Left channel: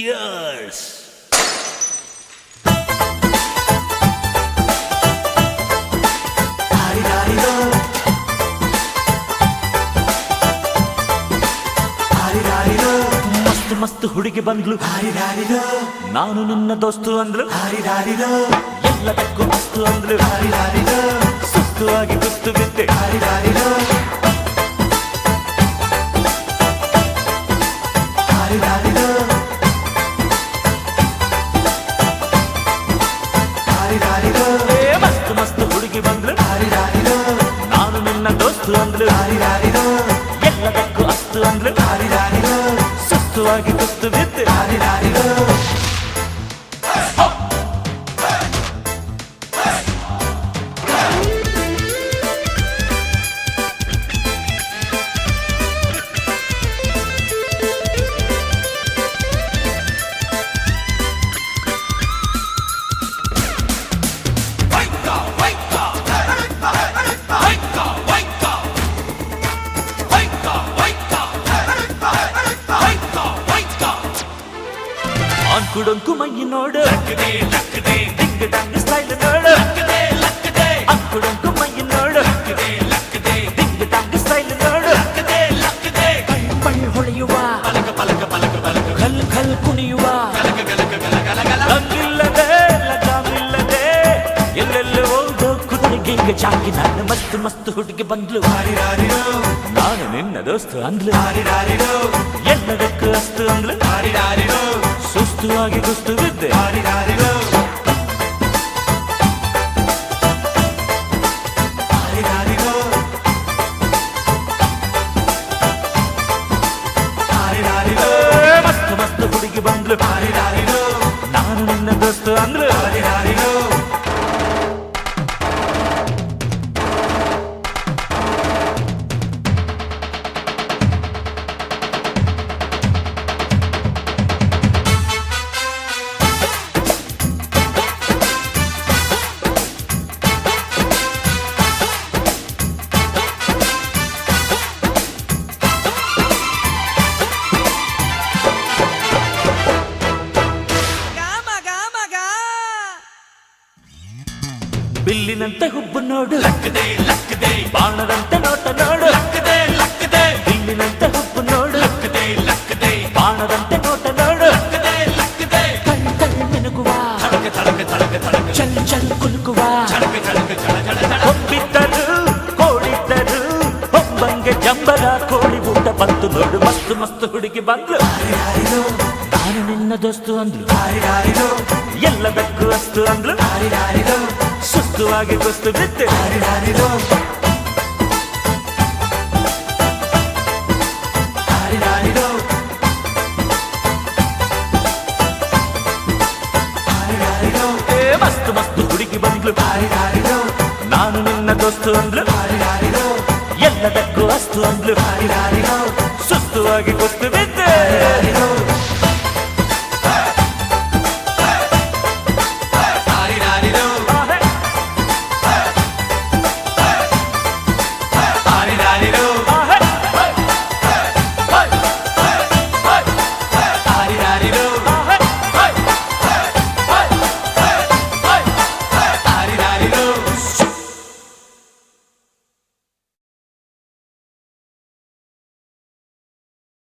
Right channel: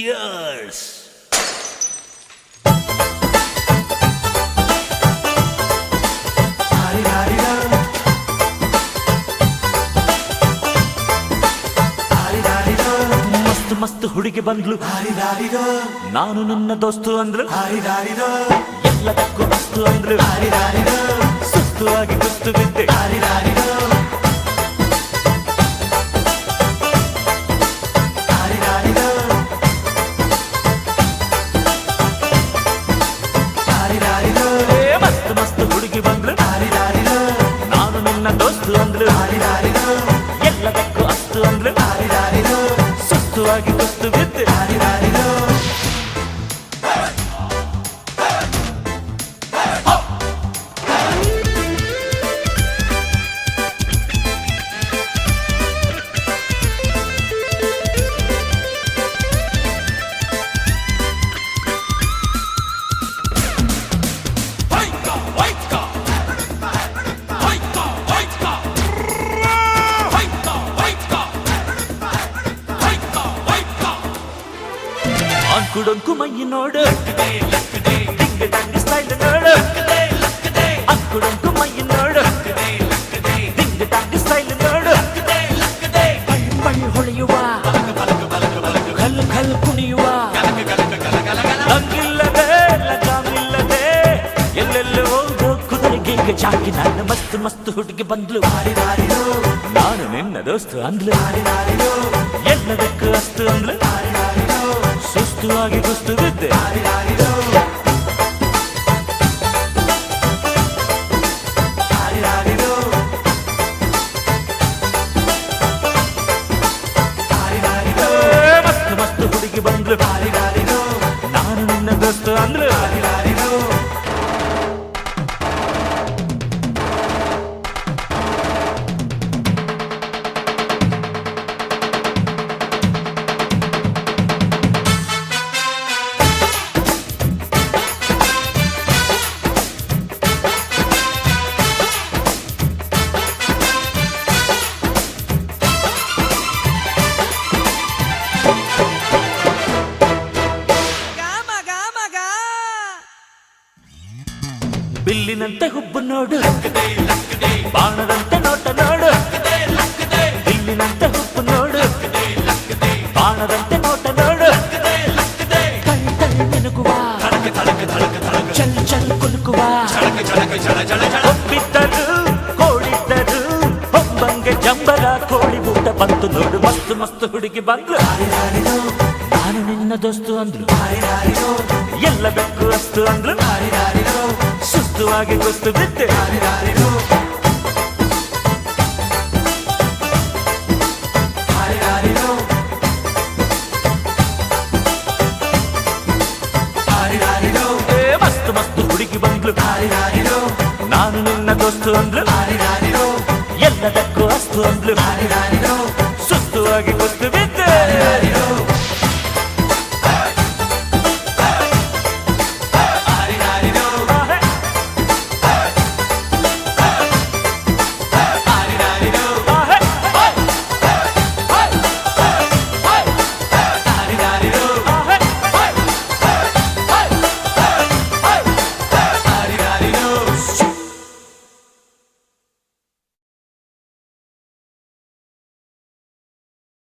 Cheers! ಮಸ್ತ್ ಮಸ್ತ್ ಹುಡುಗಿ ಬಂದ್ಲು, ನಾನು ನಿನ್ನ ದೋಸ್ತು ಅಂದ್ಲು, ಎಲ್ಲದಕ್ಕೂ ಮಸ್ತು ಅಂದ್ಲು, ಸುಸ್ತು ಆಗಿ ಕುಸ್ತು ಬಿದ್ದೆ. ಮಸ್ತ್ ಮಸ್ತ್ ಹುಡುಗಿ ಬಂದ್ಲು, ನಾನು ನಿನ್ನ ದೋಸ್ತು ಅಂದ್ಲು, ಎಲ್ಲದಕ್ಕೂ ಅಸ್ತು ಅಂದ್ಲು, ಸುಸ್ತು ಆಗಿ ಕುಸ್ತು ಬಿದ್ದೆ. ಅಂಕುಡೊಂಕು ಮೈ ನೋಡು, ಡಿಂಗ್ ಡಂಗ್ ಸ್ಟೈಲ್ ನೋಡು, ಅಂಕುಡೊಂಕು ಮೈ ನೋಡು, ಡಿಂಗ್ ಡಂಗ್ ಸ್ಟೈಲ್ ನೋಡು, ಪೈ ಪೈ ಹೊಳೆಯುವ, ಖಲ್ ಖಲ್ ಕುಣಿಯುವ, ಲಂಗಿಲ್ಲದೆ ಲಗಾಮಿಲ್ಲದೆ ಎಲ್ಲೆಲ್ಲೂ ಹೋದೋ ಕುದುರೆಗೆ ಈಗ ಚಾಕಿ. ನಾನು ಮಸ್ತ್ ಮಸ್ತ್ ಹುಡುಗಿ ಬಂದ್ಲು, ನಾನು ನಿನ್ನ ದೋಸ್ತು ಅಂದ್ಲು, ಎಲ್ಲದಕ್ಕೂ ಅಸ್ತು ಅಂದ್ಲು, ಸುಸ್ತು ಆಗಿ ಕುಸ್ತು ಬಿದ್ದೆ. ಮಸ್ತ್ ಮಸ್ತ್ ಹುಡುಗಿ ಬಂದ್ಲು, ನಾನು ನಿನ್ನ ದೋಸ್ತು ಅಂದ್ಲು, ಬಿಲ್ಲಿನಂತೆ ಹುಬ್ಬು ನೋಡು, ಬಾಣದಂತೆ ನೋಟ ನೋಡು, ಬಿಲ್ಲಿನಂತೆ ಹುಬ್ಬು ನೋಡು, ಬಾಣದಂತೆ ನೋಟ ನೋಡು, ಕಳ್ ಕಳ್ ಮಿನುಗುವ, ಚಲ್ ಚಲ್ ಕುಲುಕುವ, ಹೊಬ್ಬಿದ್ದರು ಕೋಡಿದ್ದರು ಹೊಂಬಂಗೆ ಜಂಬರ ಕೋಳಿ ಊಟ ಬಂತು ನೋಡು. ಮಸ್ತ್ ಮಸ್ತ್ ಹುಡುಗಿ ಬಂದ್ಲು, ನಾನು ನಿನ್ನ ದೋಸ್ತು ಅಂದ್ಲು, ಎಲ್ಲದಕ್ಕೂ ಅಸ್ತು ಅಂದ್ಲು, ಸುಸ್ತು ಆಗಿ ಕುಸ್ತು ಬಿದ್ದೆ. ಮಸ್ತ್ ಮಸ್ತ್ ಹುಡುಗಿ ಬಂದ್ಲು, ನಾನು ನಿನ್ನ ದೋಸ್ತು ಅಂದ್ಲು, ಎಲ್ಲದಕ್ಕೂ ಅಸ್ತು ಅಂದ್ಲು, ಸುಸ್ತು ಆಗಿ ಕುಸ್ತು ಬಿದ್ದೆ.